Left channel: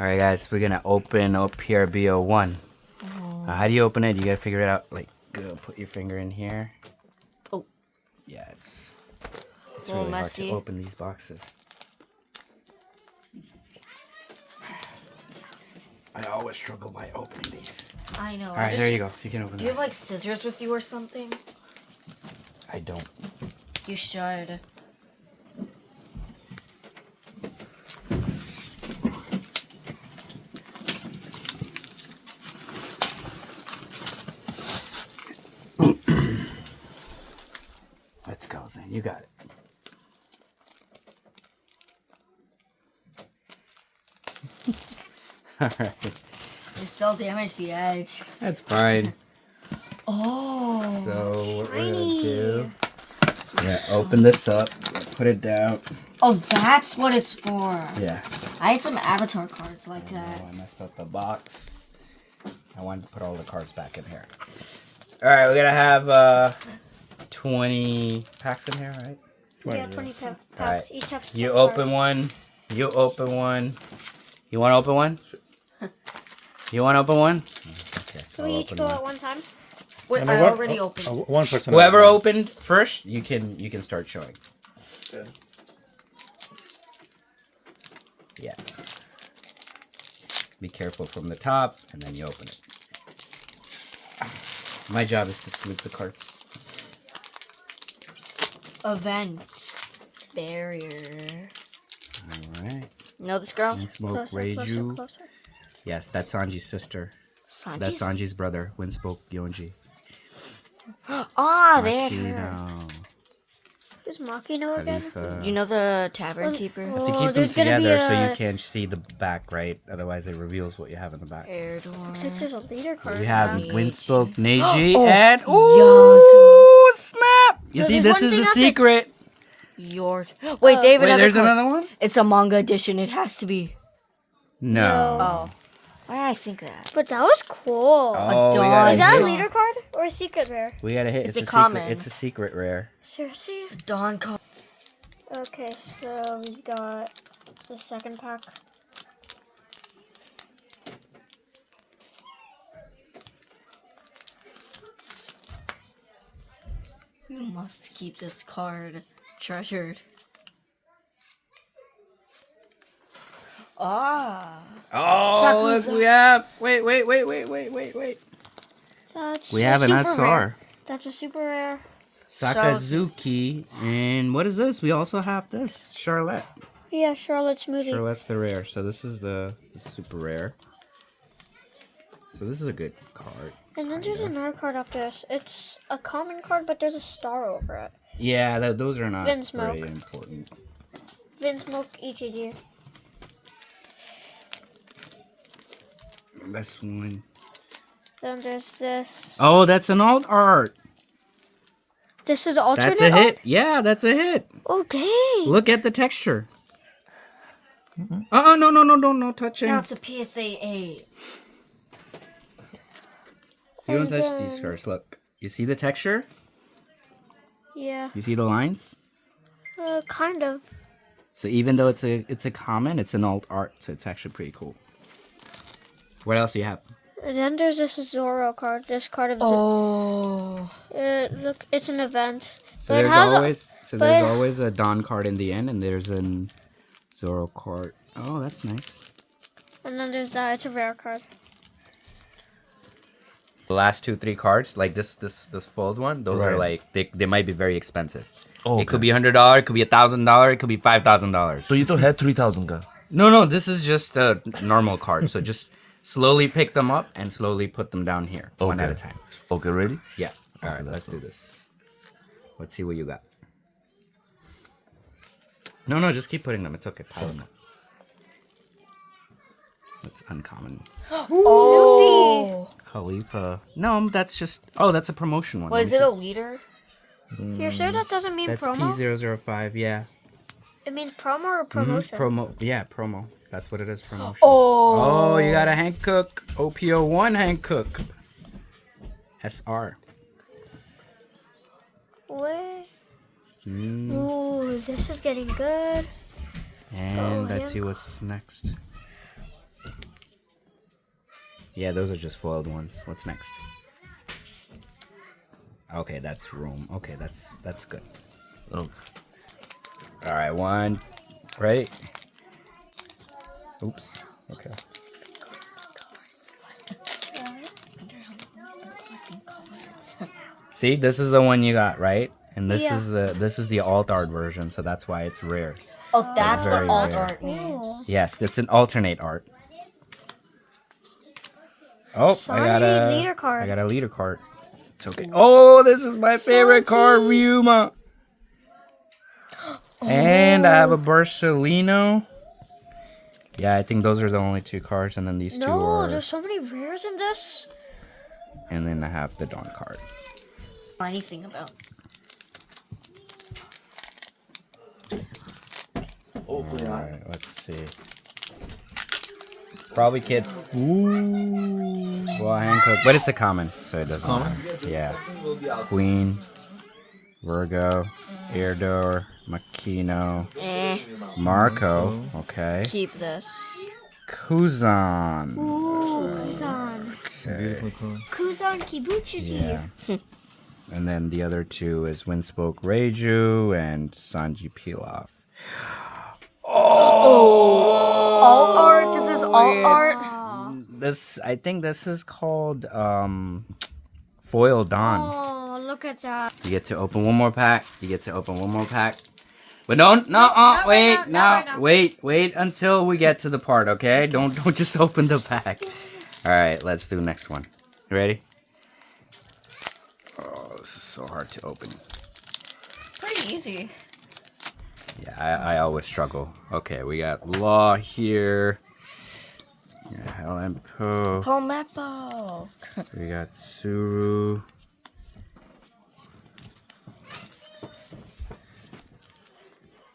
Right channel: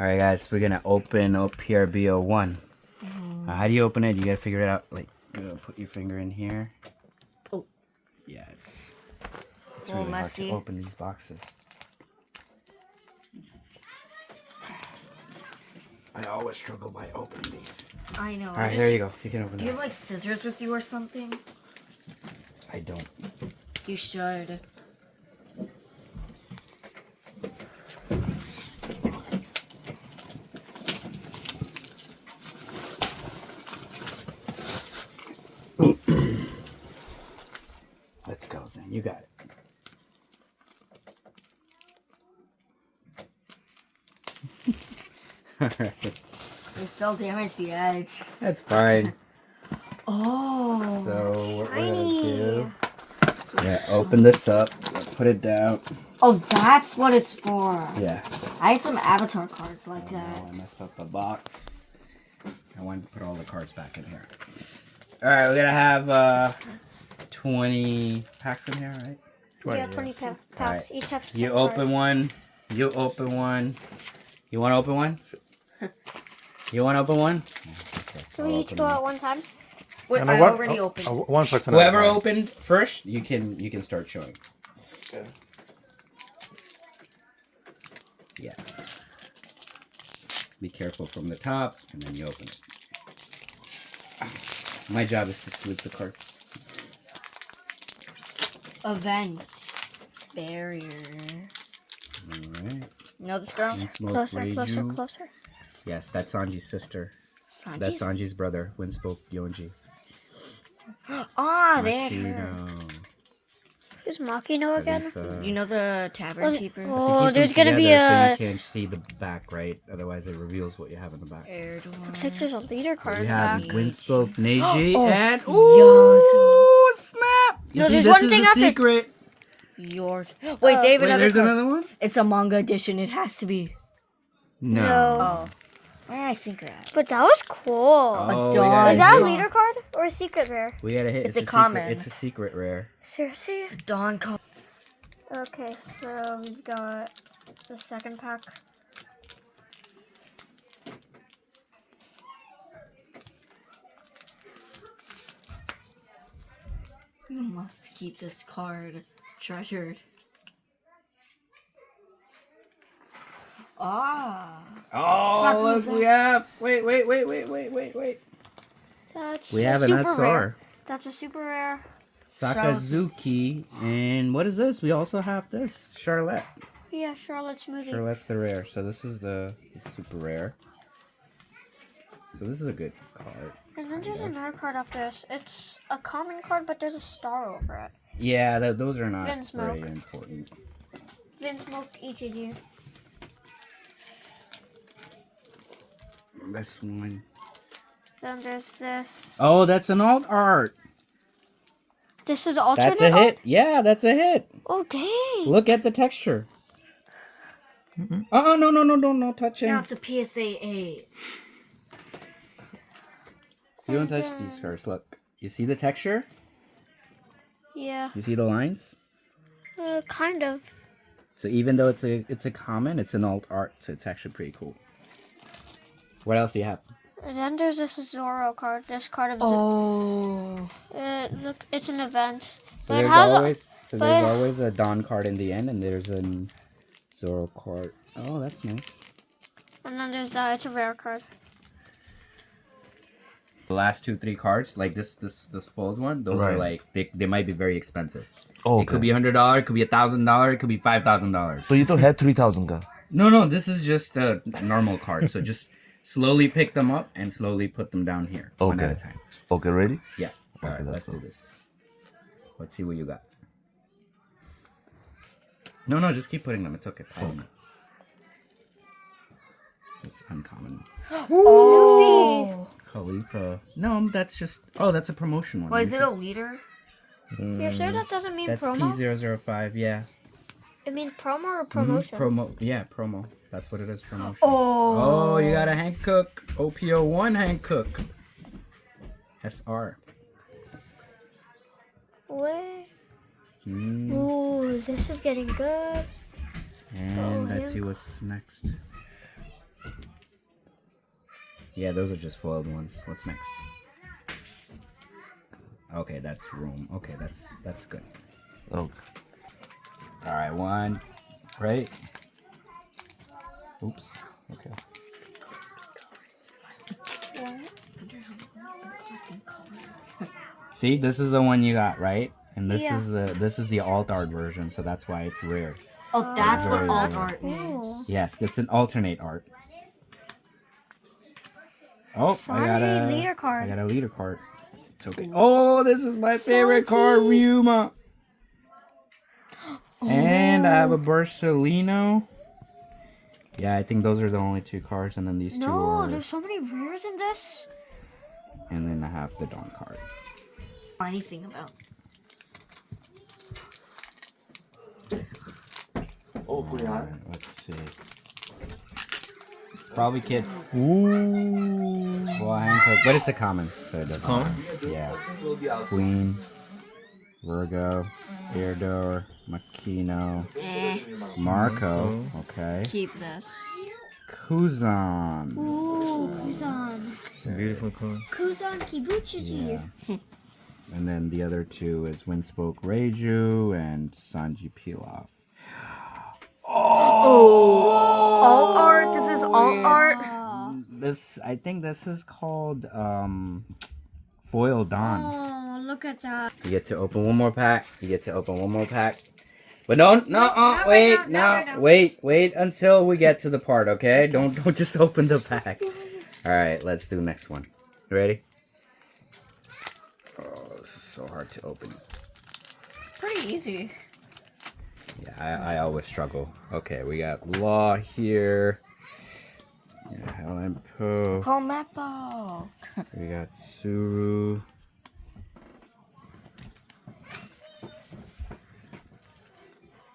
All right, guys, we're gonna open up PRB01. How do you open it? You gotta figure it out. Like, put your finger in here. Oh. Yeah, it's Little really messy. hard to open these boxes. I always struggle by opening these. I know. All right, there you go. You can open Do you this. have like scissors with you or something? I don't. You should. Let's go, Zane. You got it. All right. You still damaged the edge. That's fine. Oh. So what we're gonna do? Yeah, open this up. Put it down. Oh, that's what it's for. Yeah. I had some avatar cards like that. I messed up the box. I wanted to put all the cards back in here. All right, we're gonna have 20 packs in here, right? Yeah, 20 packs. Right. Each have 10 You cards. open one. You open one. You want to open one? You want to open one? Okay, So we each go at one time? Wait, And I one- already opened. One person. at a Whoever time. opened first, you can start showing. Okay. Yeah. Be careful from the top, and then you open it. My job is to snoop the cards. Event. Barrier. All right. You know this girl? Smoke Closer, closer, Reiju. closer. Yes, that's Sanji's sister. Sanji's? That's Sanji's brother, Windspoke Yonji. Ah, there. Makino. Who's Makino again? Khalifa. You know the tavern keeper? To Oh, keep them there's gonna be together so you a... can't see the back, right? Otherwise, it reveals what you have in the back. Aired one. Looks like there's a leader card. We in have the back. Windspoke Neji Oh, and Yasu. snap! You No, see, there's this one is thing the after- secret. Yours. Wait, Oh. David, Wait, another there's card. another one? It's a manga edition. It has to be. No. Oh. I think that. But that was cool. Oh, we dog. gotta Is that a hit- leader card or a secret rare? We gotta hit. It's a secret- common. It's a secret rare. Seriously? It's a Dawn card. Okay, so we've got the second pack. You must keep this card treasured. Ah. Oh, Sakusa. look, we have. Wait. That's We a have an super SR. rare. That's a super rare. Sakazuki. And what is this? We also have this. Charlotte. Yeah, Charlotte Smoothie. Charlotte's the rare. So this is the super rare. So this is a good card. And then there's another card after this. It's a common card, but there's a star over it. Yeah, those are not Vince very Milk. important. Vince Milk ETG. This one. Then there's this. Oh, that's an alt art. This is alternate. That's a hit. Yeah, that's a hit. Okay. Look at the texture. No touching. Now it's a PSA 8. You don't touch these cards. Look. You see the texture? Yeah. You see the lines? Kind of. So even though it's a common, it's an alt art, so it's actually pretty cool. What else do you have? And then there's this Zoro card. This card of Oh. look, it's an event. So But it there's has always a Dawn card in the end, and there's an Zoro card. Oh, that's nice. And then there's that. It's a rare card. The last 2-3 cards, like this fold one, those are Right. like they might be very expensive. Oh, It could be $100, it could be $1,000, it could be $5,000. So you don't have 3,000 ka? No, this is just a normal card. So just slowly pick them up and slowly put them down here, one at a time. Okay, ready? Yeah. All right, let's let's do go. this. Let's see what you got. No, just keep putting them. It's okay. Pile them up. It's uncommon. Oh. Khalifa. No, that's just. Oh, that's a promotion one. Was it a leader? You're sure that doesn't mean That's promo? P005. Yeah. It means promo or promotion? Promo. Yeah, promo. That's what it is. Promotion. Oh. Oh, you got a Hank Cook. OPO1 Hank Cook. SR. Wait. Mm. Ooh, this is getting good. And let's see Hank. what's next. Yeah, those are just foiled ones. What's next? Okay, that's room. Okay, that's good. Oh. All right, one. Right. Oops. Okay. See, this is the one you got, right? And this Yeah. is the alt art version, so that's why it's rare. Oh, that's Very what alt rare. art means. Cool. Yes, it's an alternate art. Oh, Sanji leader I card. got a leader card. It's okay. Oh, this is my favorite card, Ryuma. And I have a Barcelino. Yeah, I think those are the only two cards, and then these two No, are. there's so many rares in this. And then I have the Dawn card. Anything about. Oh, Alright, let's see. Probably kids. Ooh. Well, Hancock, but it's a common, so it doesn't. common? matter. Yeah. Queen, Virgo, Eardor, Makino, Marco. Okay. Keep this. Kuzan. Ooh, Kuzan. Beautiful card. Kuzan Kibuchi. Yeah. And then the other two is Windspoke Reiju and Sanji Pilaf. Alt art? This is alt art? This, I think this is called Foil Dawn. Oh, look at that. You get to open one more pack. You get to open one more pack. But don't, wait until we get to the part, okay? Don't just open the pack. All right, let's do the next one. You ready? Oh, this is so hard to open. Pretty easy. Yeah, I always struggle. Okay, we got Law here. Yeah, Helen Po. Helmeppo. We got Suru.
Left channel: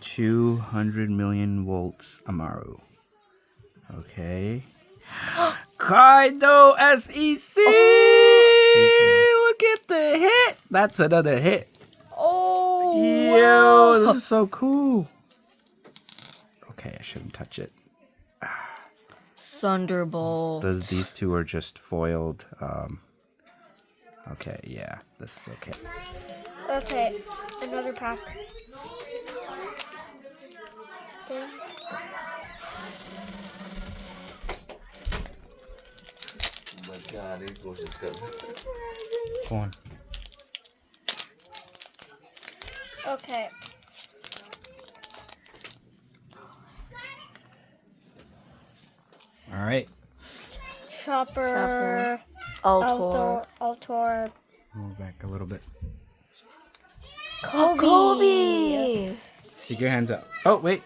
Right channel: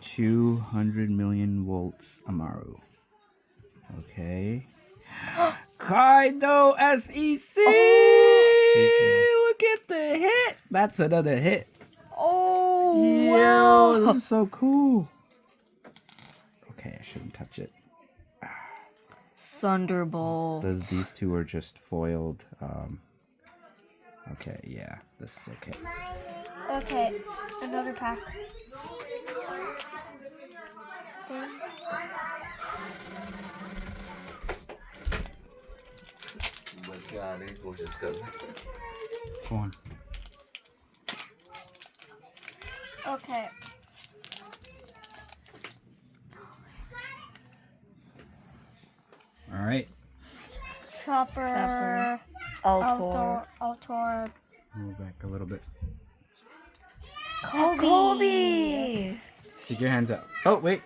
$200 million volts Amaru. Okay. Kaido SEC! Look at the hit! That's another hit. Oh, Yo, this is so cool. Okay, I shouldn't touch it. Thunderbolt. These two are just foiled. Okay, yeah, this is okay. Okay, another pack. Oh my god, these boys just go. Go on. Okay. All right. Chopper. Altor. Altor. Move back a little bit. Kobe. Stick your hands up. Oh, wait.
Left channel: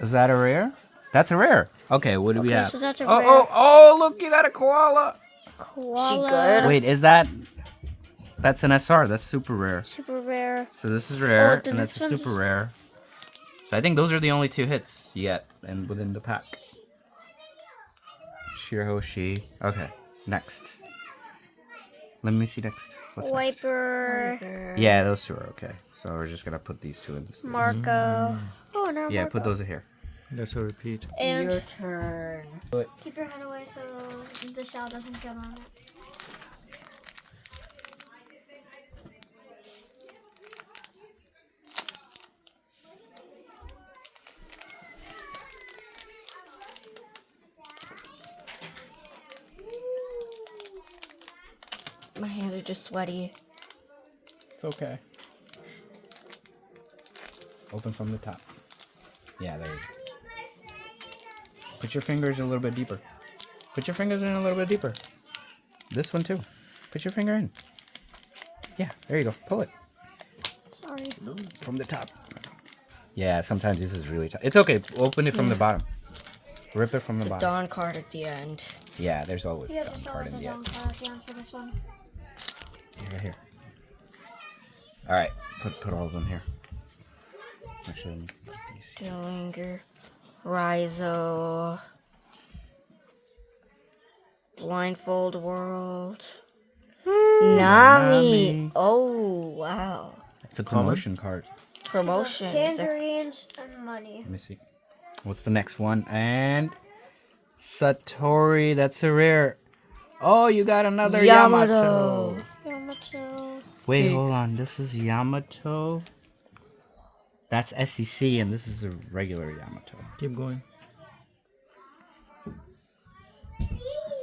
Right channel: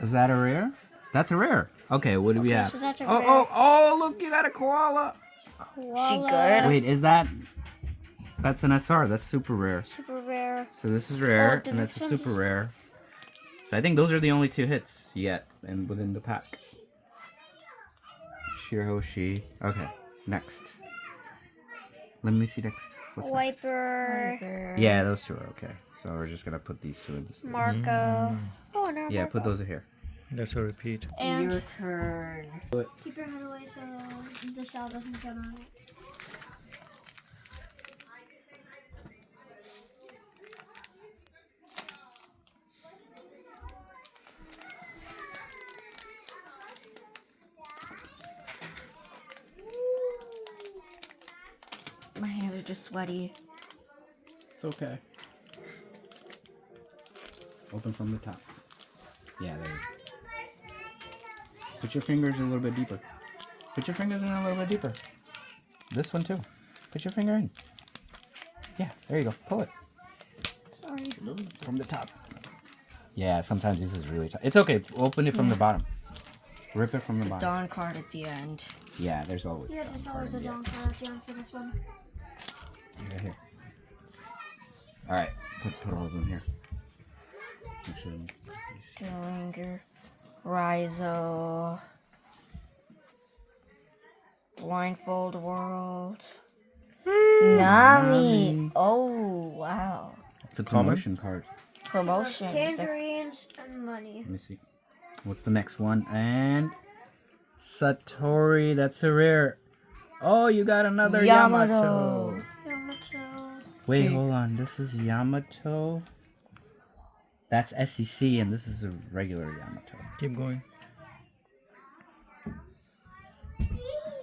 Is that a rare? That's a rare. Okay, what do we have? So that's a oh, rare. oh, look, you got a koala. She good? Wait, is that... That's an SR. That's super rare. Super rare. So this is rare, the and that's next a super rare. So I think those are the only two hits yet, and within the pack. Shirahoshi. Okay, next. Let me see next. What's next? Wiper. Yeah, those two are okay. So we're just gonna put these two in this. Marco. Oh, no. Yeah, Marco. put those in here. That's a repeat. And Your turn. keep your head away so the shell doesn't get on it. My hands are just sweaty. It's okay. Open from the top. Yeah, there you go. Put your fingers in a little bit deeper. Put your fingers in a little bit deeper. This one too. Put your finger in. Yeah, there you go. Pull it. Sorry. From the top. Yeah, sometimes this is really tough. It's okay. Open it from the bottom. Rip it from the bottom. Dawn card at the end. Yeah, there's always Yeah, a there's card always in a the down end. card at the end for this one. Right here. All right, put all of them here. Actually, Dillinger. Raizo. Blindfold World. Nami. Oh, wow. it's a promotion card. Promotion. Tangerines and money. Let me see. What's the next one? And Satori, that's a rare. Oh, you got another Yamato. Yamato. Wait, hold on. This is Yamato. That's SEC, and this is a regular Yamato. Keep going.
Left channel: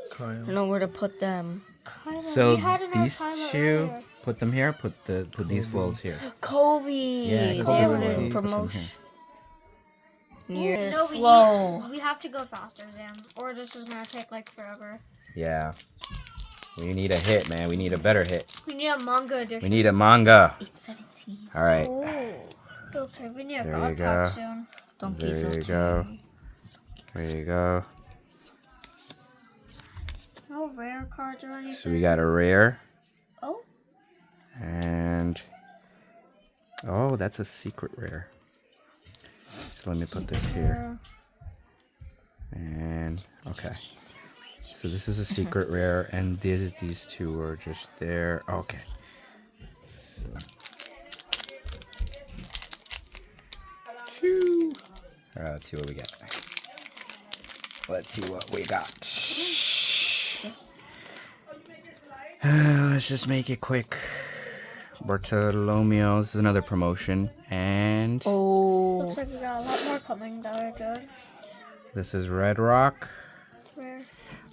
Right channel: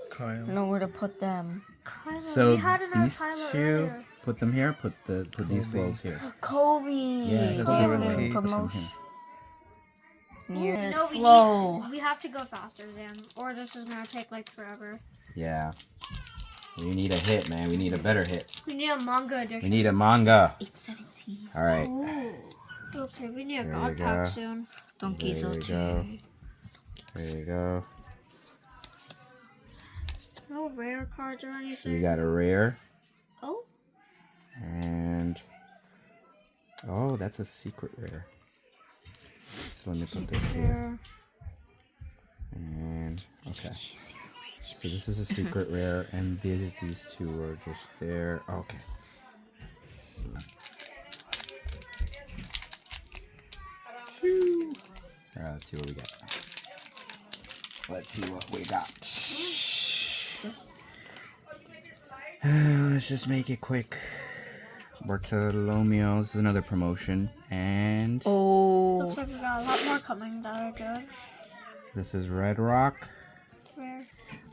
Kyle. Know where to put them. Kylo. So We had another these Kylo two, earlier. put them here. Put these wolves here. Kobe. Yeah, They Kobe have will a put them promotion. You're No, slow. we have to go faster, Zam, or this is gonna take like forever. Yeah. We need a hit, man. We need a better hit. We need a manga edition. We need a manga. 817. All right. Ooh. Okay, we need a There god you pack go. soon. Donkey There you Satori. go. There you go. No rare cards or anything. So we got a rare. Oh. And oh, that's a secret rare. So let me put this here. And okay. So this is a secret rare, and these two are just there. Okay. Alright, let's see what we got. Let's see what we got. Let's just make it quick. Bartolomeo, this is another promotion, and Oh. Looks like we got a lot more coming that are good. this is Red Rock. Rare.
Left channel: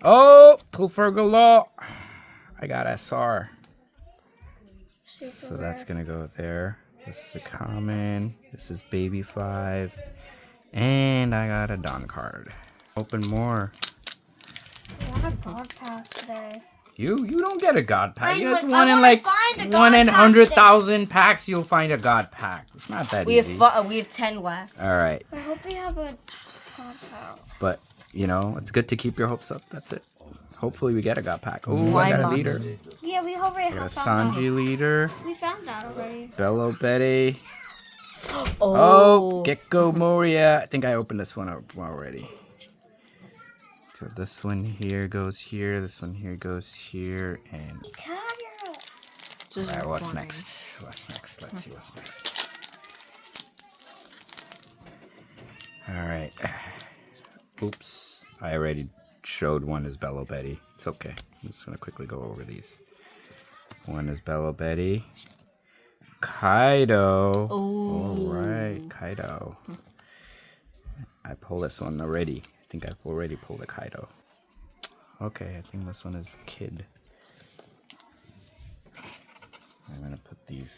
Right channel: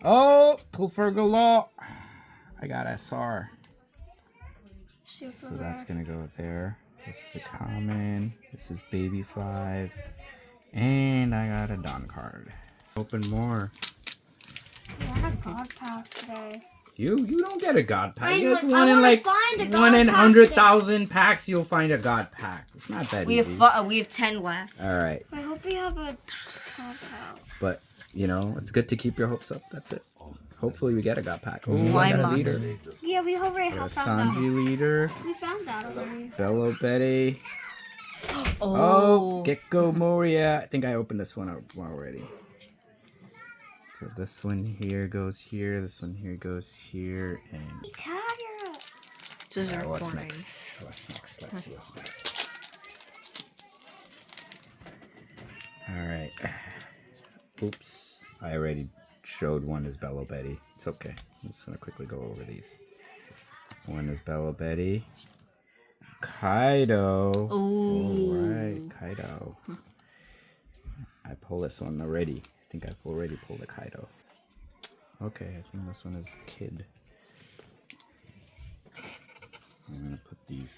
Oh, Tulfergala. I got SR. Super So that's rare. gonna go there. This is a common. This is Baby 5. And I got a Don card. Open more. I want a god pack today. You don't get a God pack. I'm It's like, I one in wanna like find a God 1 in pack 100,000 packs. You'll find a God pack. It's not that We easy. have 10 left. All right, I hope we have a god pack. but you know it's good to keep your hopes up. That's it. Hopefully we get a God pack. Ooh, Why I got a not? leader. Yeah, we already Got a have found that. Sanji leader. We found that already. Bello Betty. Oh. Oh, Gecko Moria. I think I opened this one up already. So this one here goes here. This one here goes here. And Just alright, what's recording. next? What's next? Let's see what's next. Alright. Oops. I already showed one is Bello Betty. It's okay. I'm just going to quickly go over these. One is Bello Betty. Kaido. Ooh. Alright, Kaido. I pulled this one already. I think I've already pulled a Kaido. Okay, I think this one is Kid. I'm gonna put these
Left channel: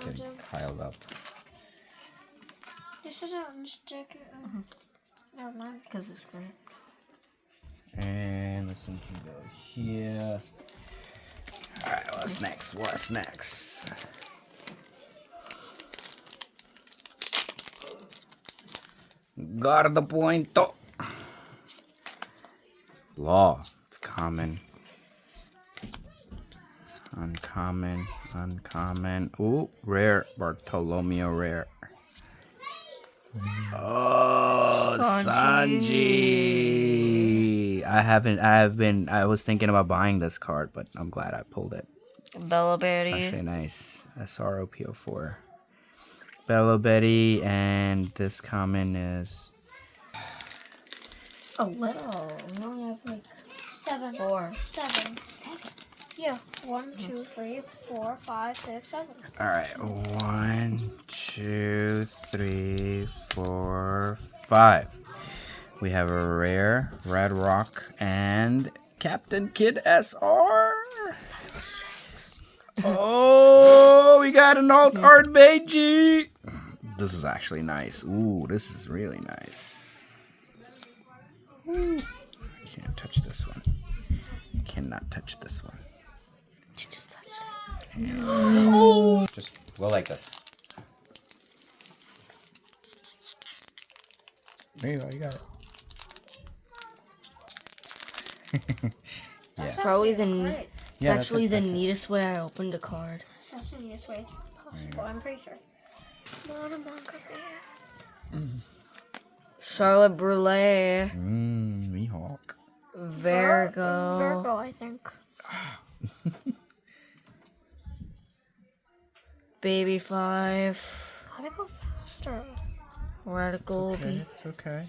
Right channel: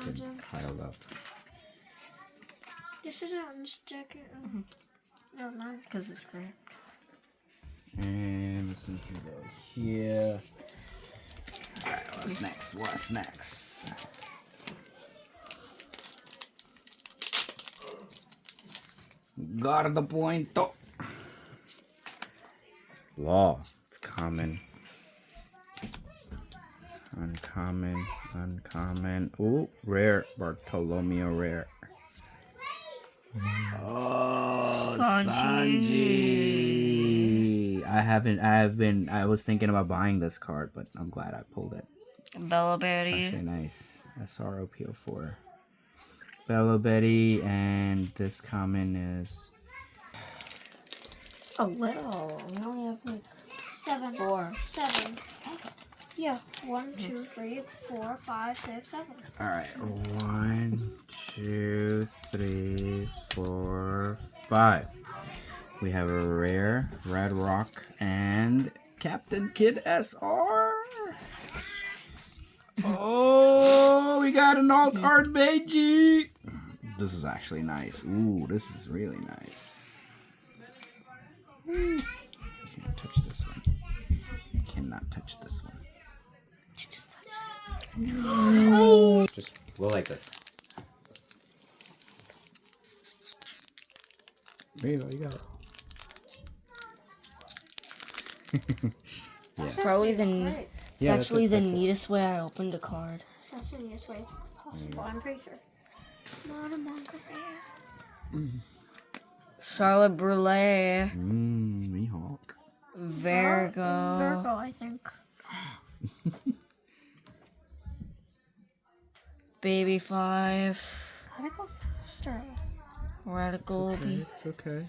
getting piled up. This is an sticker. No, no. Because it's great. And this one can go here. Alright, what's next? What's next? Guarda Punto. Law. It's common. Uncommon. Uncommon. Ooh, rare. Bartolomeo rare. Oh, Sanji. I was thinking about buying this card, but I'm glad I pulled it. Bella It's Berry. actually nice. SROPO4. Bello Betty, and this common is A little. We only have like 7. 4. 7. Yeah. 1, 2, 3, 4, 5, 6, 7. alright. 1, 2, 3, 4, 5. We have a rare, Red Rock, and Captain Kid SR. Oh, we got an alt art Beiji. This is actually nice. Ooh, this is really nice. Can't touch this one. Cannot touch this one. Just go like this. There you go. You got it. It's probably the Great. it's Yeah, that's actually it, the that's it. neatest way I opened a card. That's the neatest way possible, I'm pretty sure. Not a manga rare. Charlotte Brule. Mihawk. Virgo. Virgo, I think. Baby 5. How do you go faster? Radical. It's okay.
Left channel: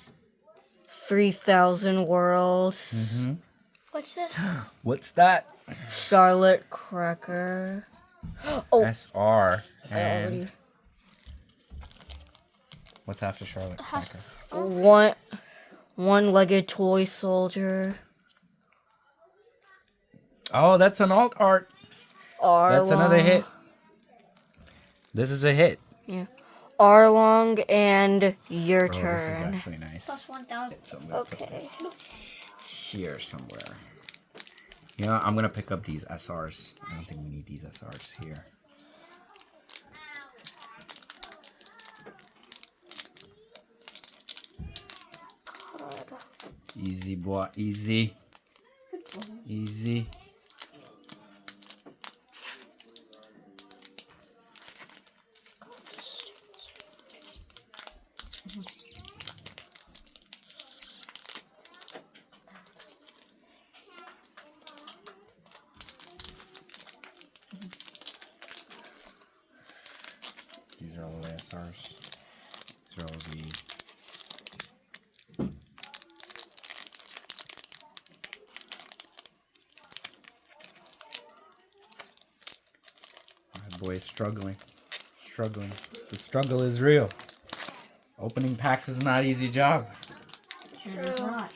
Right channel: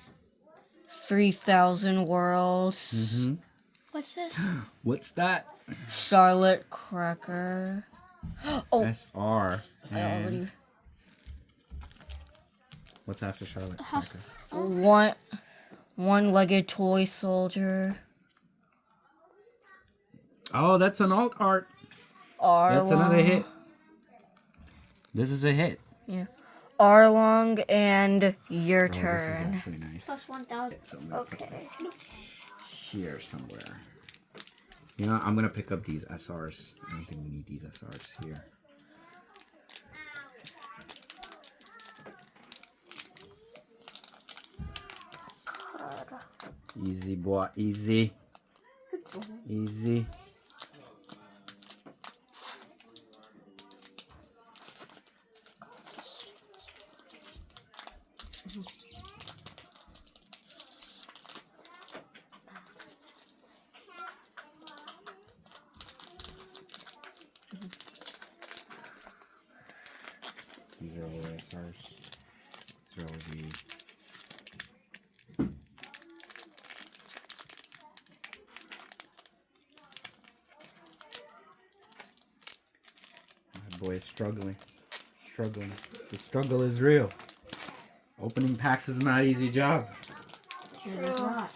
3,000 Worlds. Mm-hmm. What's this? What's that? Charlotte Cracker. Oh, SR. I And already. what's after Charlotte Cracker? One-legged toy soldier. Oh, that's an alt art. Arlong. That's another hit. This is a hit. Yeah. Arlong and your Oh, this is turn. actually nice. Plus 1,000. So I'm gonna put Okay. this here somewhere. You know what? I'm gonna pick up these SRs. I don't think we need these SRs here. Easy boy, easy. Easy. These are all the SRs. These are all the my boy is struggling. Struggling. The struggle is real. Opening packs is not an easy job. It is not.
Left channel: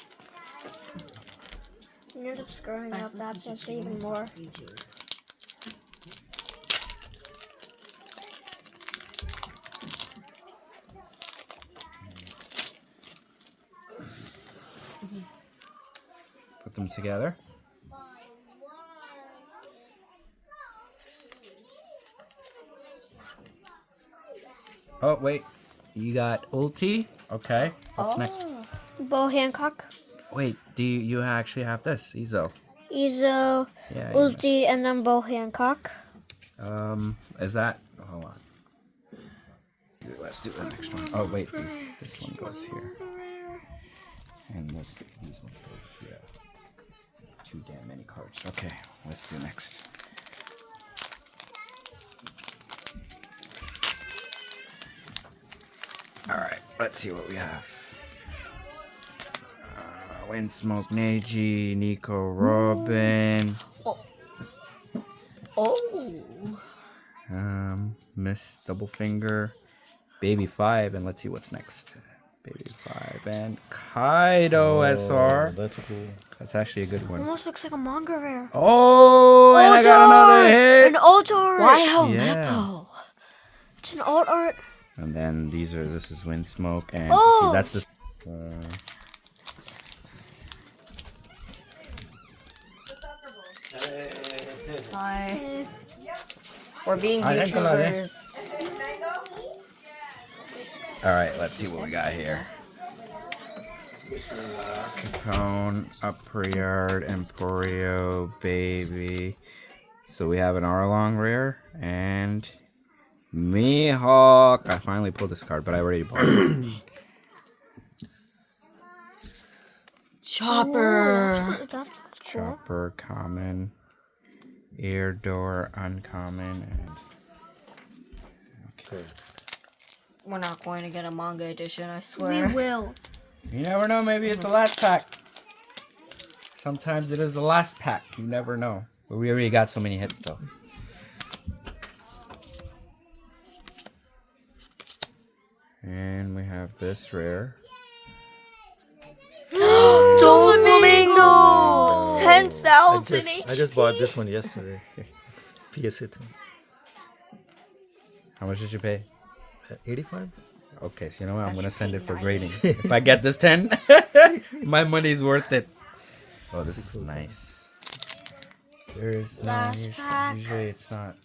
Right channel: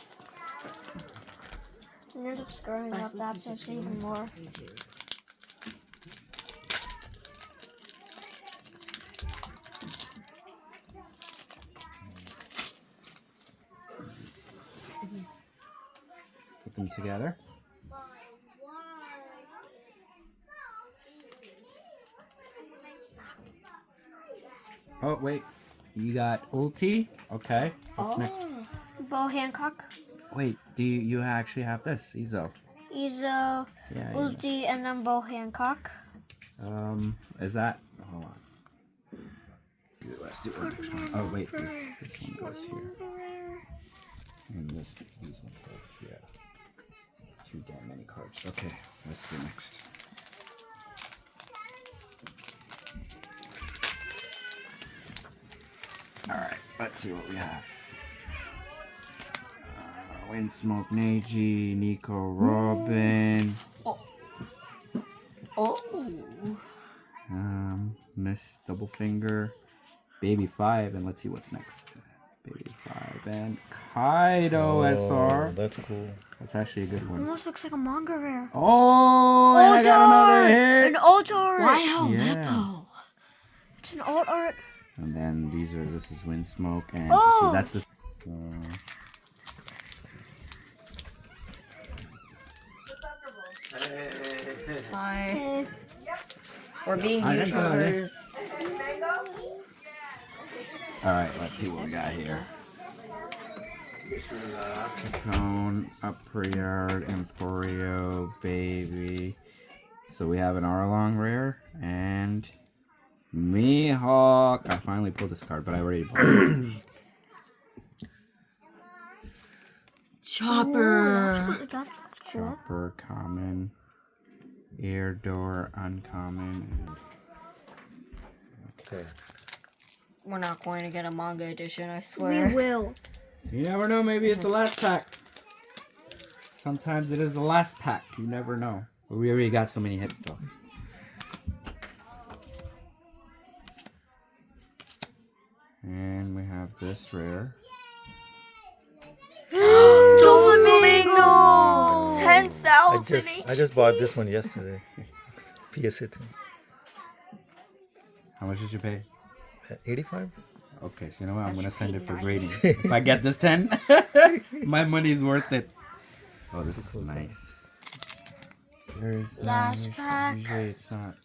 You're just screwing up that just even more. Put them together. Oh, wait. You got ulti? Okay. What's next? Bo Hancock, Wait, do you actually have this? Ezo. Ezo, Yeah. Ulti, and then Bo Hancock. Is that? Hold on. Let's do the next one. Oh, wait. This one goes here. And these ones go here. Too damn many cards. Okay, let's do next. Alright, let's see what we have. Windsmoke, Neji, Nico, Robin. Oh. Miss Double Finger, Baby 5, and let's see what's next. Baby 5 and Kaido SR. That's cool. That's actually a good one. Almost looks like a manga rare. Oh, and I got another hit. An alt art. Wow, Yeah. Meppo. It's an alt art. And then this is Windsmoke, and Oh. see, that's the. Hi. We're being Hi, YouTubers. All right, let's see what we got here. Capone, Upriard, Emporio, Baby. So we have an Arlong rare and Mihawk. I finally pulled this card, but I already pulled it. Chopper. That's cool. Chopper, common. Ear door, uncommon, and Okay. We're not going to get a manga edition, I We swear. will. you never know. Maybe it's the last pack. Sometimes it is the last pack. You never know. But we already got so many hits though. And we have this rare. Doflamingo! 10,000 I just bought this one yesterday. PSA 2. How much did you pay? 85? Okay, so you know what? I'm gonna send it for grading. If I get this 10, my money's worth it. Oh, this is nice. There's Last pack. Usually it's not.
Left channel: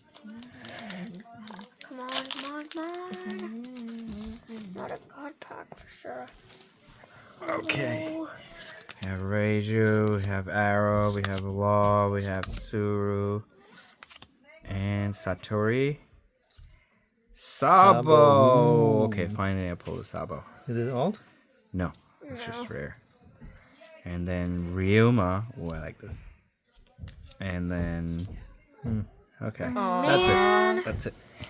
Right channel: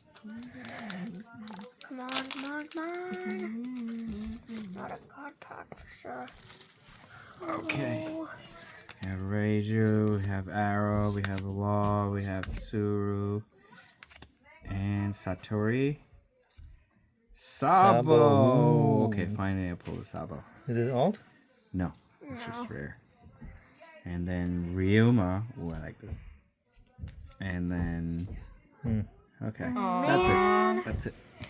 Come on, come on, come on. Not a god pack for sure. Okay. Oh. We have Reiju, we have Arrow, we have Law, we have Tsuru, and Satori. Sabo. Sabo. Okay, finally I pulled the Sabo. Is it alt? No, it's just rare. And then Ryuma. Oh, I like this. And then. Okay, that's it. That's it.